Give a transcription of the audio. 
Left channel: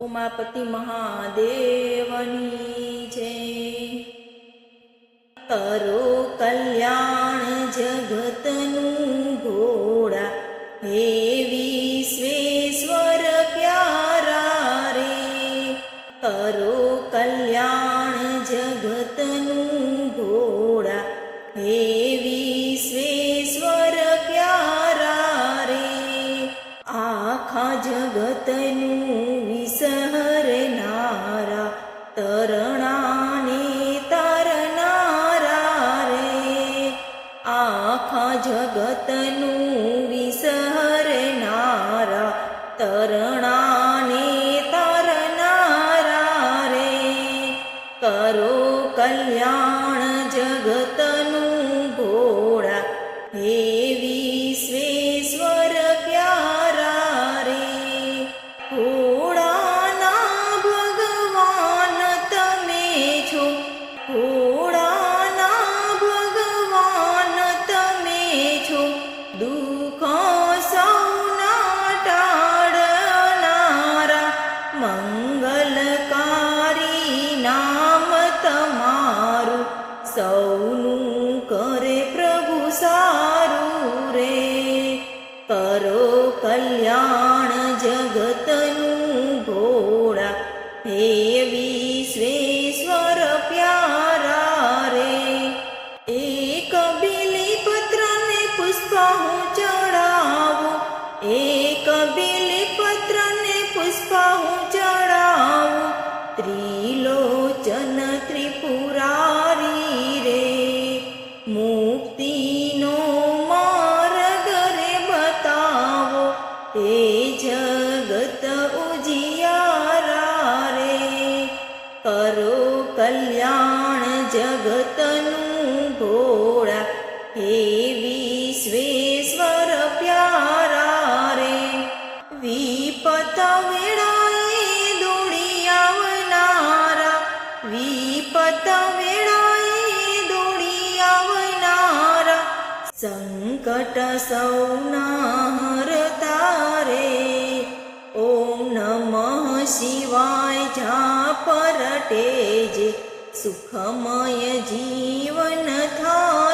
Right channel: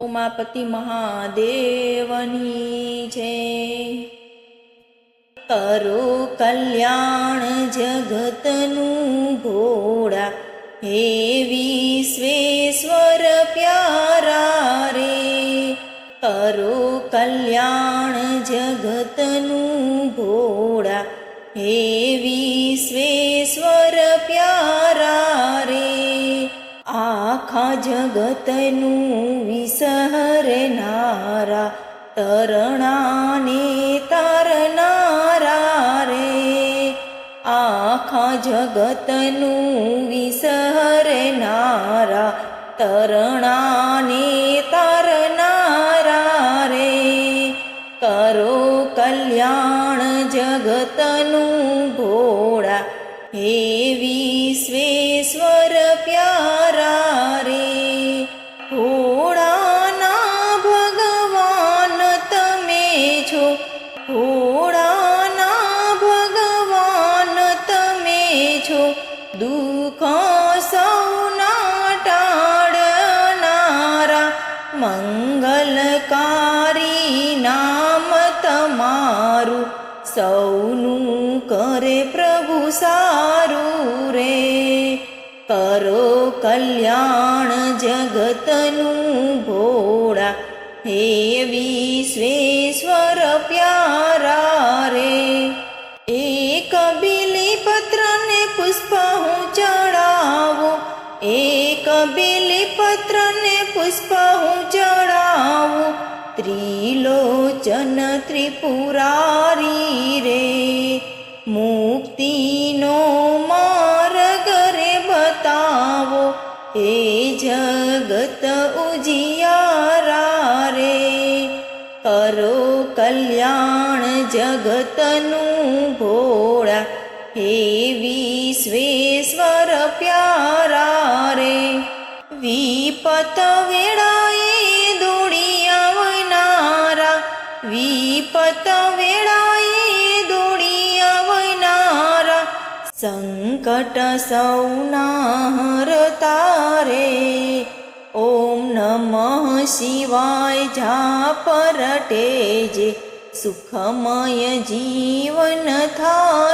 ઉમાપતિ મહાદેવની છે। કરો કલ્યાણ જગતનું ભોળા, હે વિશ્વેશ્વર પ્યારા રે। કરો કલ્યાણ જગતનું ભોળા, હે વિશ્વેશ્વર પ્યારા રે। આખા જગતનું વિસહરનારા, તરણાને તારનારા રે। આખા જગતનું વિસહરનારા, તરણાને તારનારા રે। કરો કલ્યાણ જગતનું ભોળા, હે વિશ્વેશ્વર પ્યારા રે। ભોળાના ભગવાન તમે છો, ભોળાના ભગવાન તમે છો। દુઃખ સૌના ટાળનારા, મંગલકારી નામ તમારું। સૌનું કરે પ્રભુ સારું રે। કરો કલ્યાણ જગતનું ભોળા, હે વિશ્વેશ્વર પ્યારા રે। એક બીલીપત્રને પુષ્પ હું ચડાવું, એક બીલીપત્રને પુષ્પ હું ચડાવું। ત્રિલોચન ત્રિપુરારી રે, મુક્તિનો માર્ગ રે બતાવો। હે જગત ઉજિયારા રે, કરો કલ્યાણ જગતનું ભોળા, હે વિશ્વેશ્વર પ્યારા રે। વિપત વેળાએ દોડી આવનારા, વિપત વેળાએ દોડી આવનારા। સંકટ સૌના હરતા રે, ઓમ નમઃ શિવાય જાપ રટે જે। સુખમય જીવન થાય